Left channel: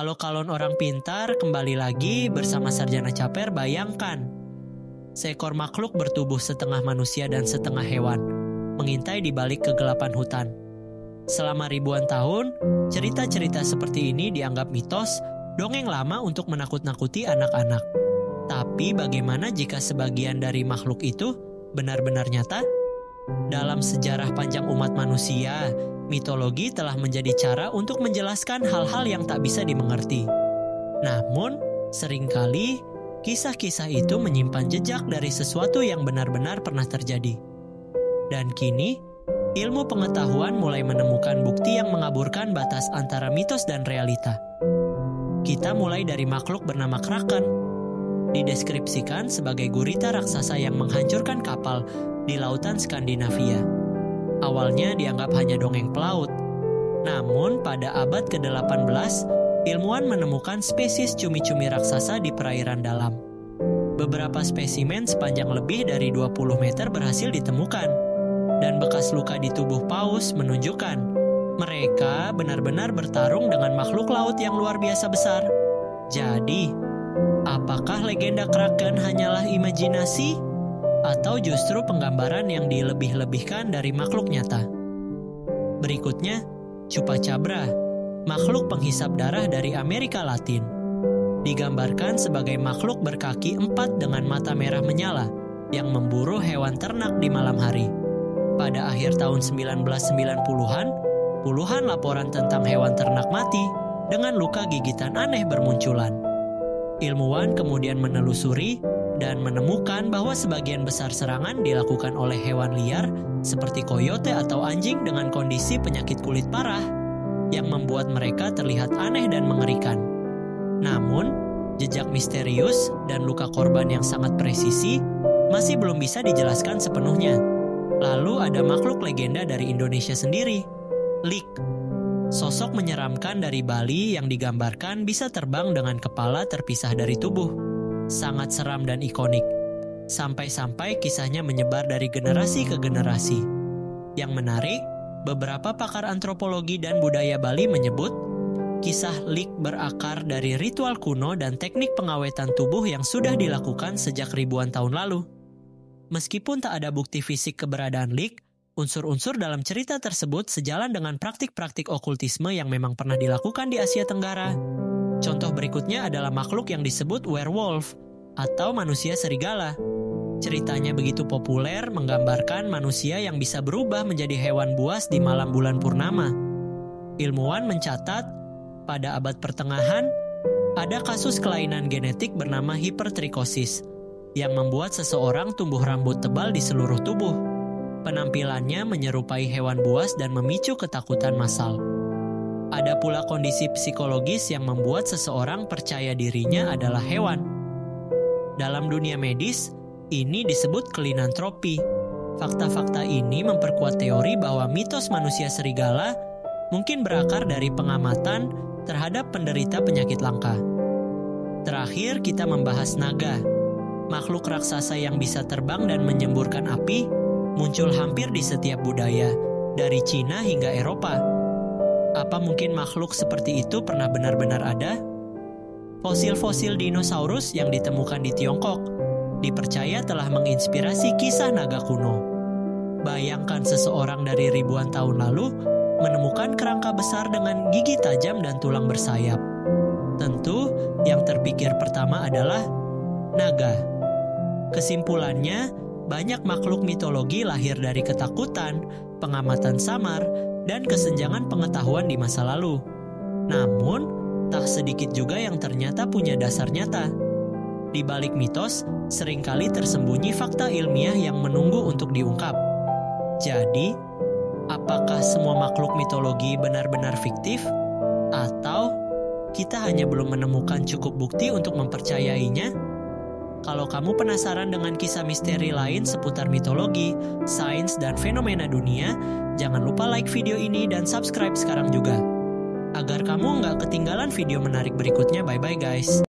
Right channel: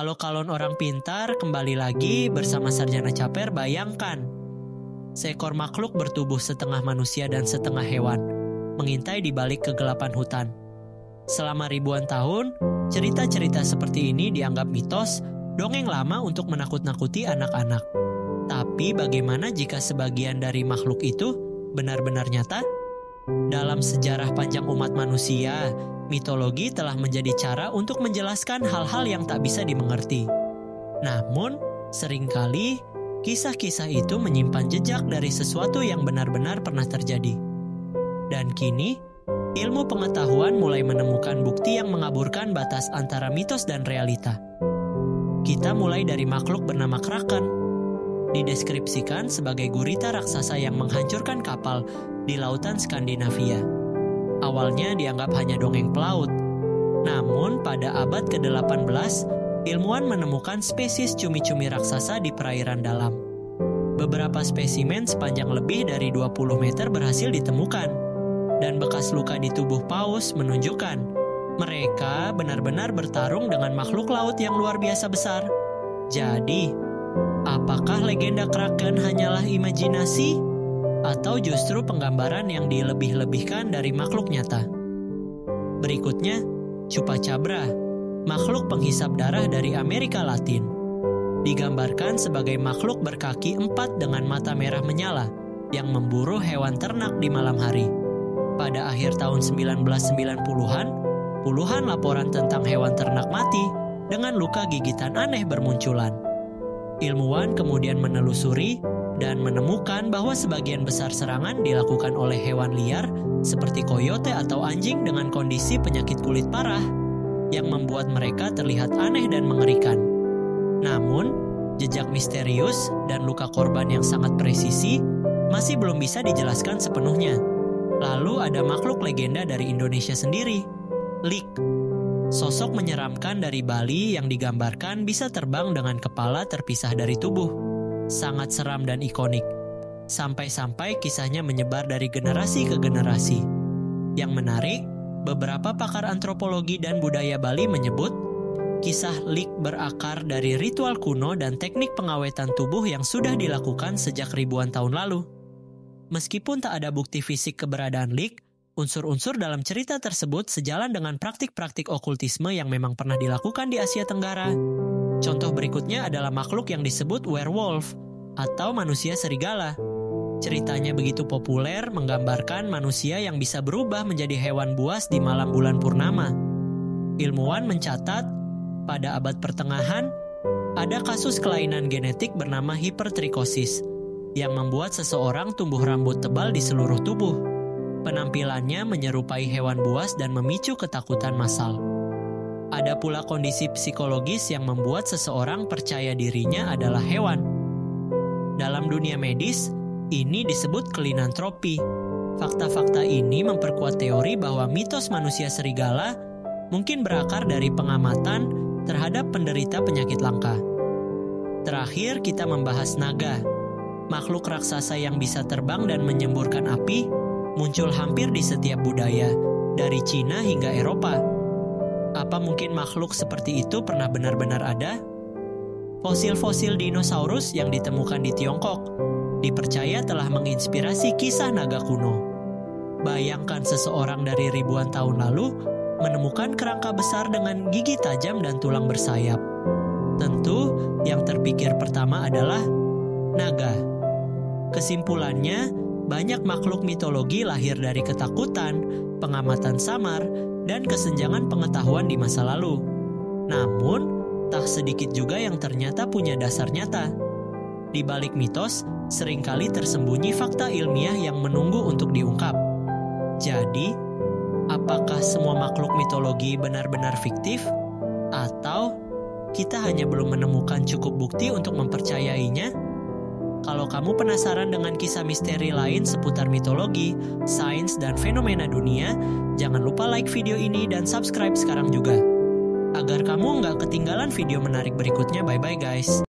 Halo kalon orang pintar, kembali lagi bersama Sarjana Caper. Bayangkan, seekor makhluk bertubuh setengah manusia dan setengah hewan, mengintai di balik kegelapan hutan. Selama ribuan tahun, cerita-cerita seperti ini dianggap mitos, dongeng lama untuk menakut-nakuti anak-anak. Tapi bagaimana jika sebagian dari makhluk itu benar-benar nyata? Dalam sejarah panjang umat manusia, mitologi telah menjadi cara untuk menjelaskan hal-hal yang tak bisa dimengerti. Namun, seringkali kisah-kisah itu menyimpan jejak dari sesuatu yang benar-benar pernah terjadi. Dan kini, ilmu pengetahuan mulai menemukan bukti yang mengaburkan batas antara mitos dan realita. Kita mulai dari makhluk bernama Kraken. Dideskripsikan sebagai gurita raksasa yang menghancurkan kapal di lautan Skandinavia. Awalnya dianggap hanya dongeng pelaut. Namun pada abad ke-18, ilmuwan menemukan spesies cumi-cumi raksasa di perairan dalam. Beberapa spesimen sepanjang lebih dari 20 meter berhasil ditemukan. Dan bekas luka di tubuh paus menunjukkan mereka benar-benar bertarung dengan makhluk laut yang luar biasa besar. Jadi, apakah legenda Kraken hanyalah imajinasi? Atau justru penggambaran yang dilebih-lebihkan dari makhluk nyata? Berikutnya, Chupacabra, makhluk penghisap darah dari Amerika Latin. Digambarkan sebagai makhluk berkaki 4 dengan mata merah menyala yang memburu hewan ternak di malam hari. Pada akhir tahun 1990-an, puluhan laporan tentang hewan ternak mati dengan luka gigitan aneh bermunculan. Ilmuwan kemudian menelusuri dan menemukan bahwa sebagian besar serangan dilakukan oleh hewan liar seperti koyote atau anjing dengan kondisi penyakit kulit parah yang membuat mereka terlihat aneh dan mengerikan. Namun, jejak misterius dan luka korban yang sangat presisi masih belum bisa dijelaskan sepenuhnya. Lalu ada makhluk legenda dari Indonesia sendiri, Lik. Sosok menyeramkan dari Bali yang digambarkan bisa terbang dengan kepala terpisah dari tubuh. Sangat seram dan ikonik. Sampai-sampai kisahnya menyebar dari generasi ke generasi. Yang menarik, beberapa pakar antropologi dan budaya Bali menyebut kisah Lik berakar dari ritual kuno dan teknik pengawetan tubuh yang sudah dilakukan sejak ribuan tahun lalu. Meskipun tak ada bukti fisik keberadaan Lik, unsur-unsur dalam cerita tersebut sejalan dengan praktik-praktik okultisme yang memang pernah dilakukan di Asia Tenggara. Contoh berikutnya adalah makhluk yang disebut werewolf atau manusia serigala. Ceritanya begitu populer menggambarkan manusia yang bisa berubah menjadi hewan buas di malam bulan purnama. Ilmuwan mencatat, pada abad pertengahan, ada kasus kelainan genetik bernama hipertrikosis yang membuat seseorang tumbuh rambut tebal di seluruh tubuh. Penampilannya menyerupai hewan buas dan memicu ketakutan massal. Ada pula kondisi psikologis yang membuat seseorang percaya dirinya adalah hewan. Dalam dunia medis, ini disebut kelinantropi. Fakta-fakta ini memperkuat teori bahwa mitos manusia serigala mungkin berakar dari pengamatan terhadap penderita penyakit langka. Terakhir, kita membahas naga. Makhluk raksasa yang bisa terbang dan menyemburkan api muncul hampir di setiap budaya, dari Cina hingga Eropa. Apa mungkin makhluk seperti itu pernah benar-benar ada? Fosil-fosil dinosaurus yang ditemukan di Tiongkok dipercaya telah menginspirasi kisah naga kuno. Bayangkan seseorang dari ribuan tahun lalu menemukan kerangka besar dengan gigi tajam dan tulang bersayap. Tentu, yang terpikir pertama adalah naga. Kesimpulannya, banyak makhluk mitologi lahir dari ketakutan, pengamatan samar, dan kesenjangan pengetahuan di masa lalu. Namun, tak sedikit juga yang ternyata punya dasar nyata. Di balik mitos, seringkali tersembunyi fakta ilmiah yang menunggu untuk diungkap. Jadi, apakah semua makhluk mitologi benar-benar fiktif? Atau kita hanya belum menemukan cukup bukti untuk mempercayainya? Kalau kamu penasaran dengan kisah misteri lain seputar mitologi, sains, dan fenomena dunia, jangan lupa like video ini dan subscribe sekarang juga. Agar kamu nggak ketinggalan video menarik berikutnya, bye-bye guys.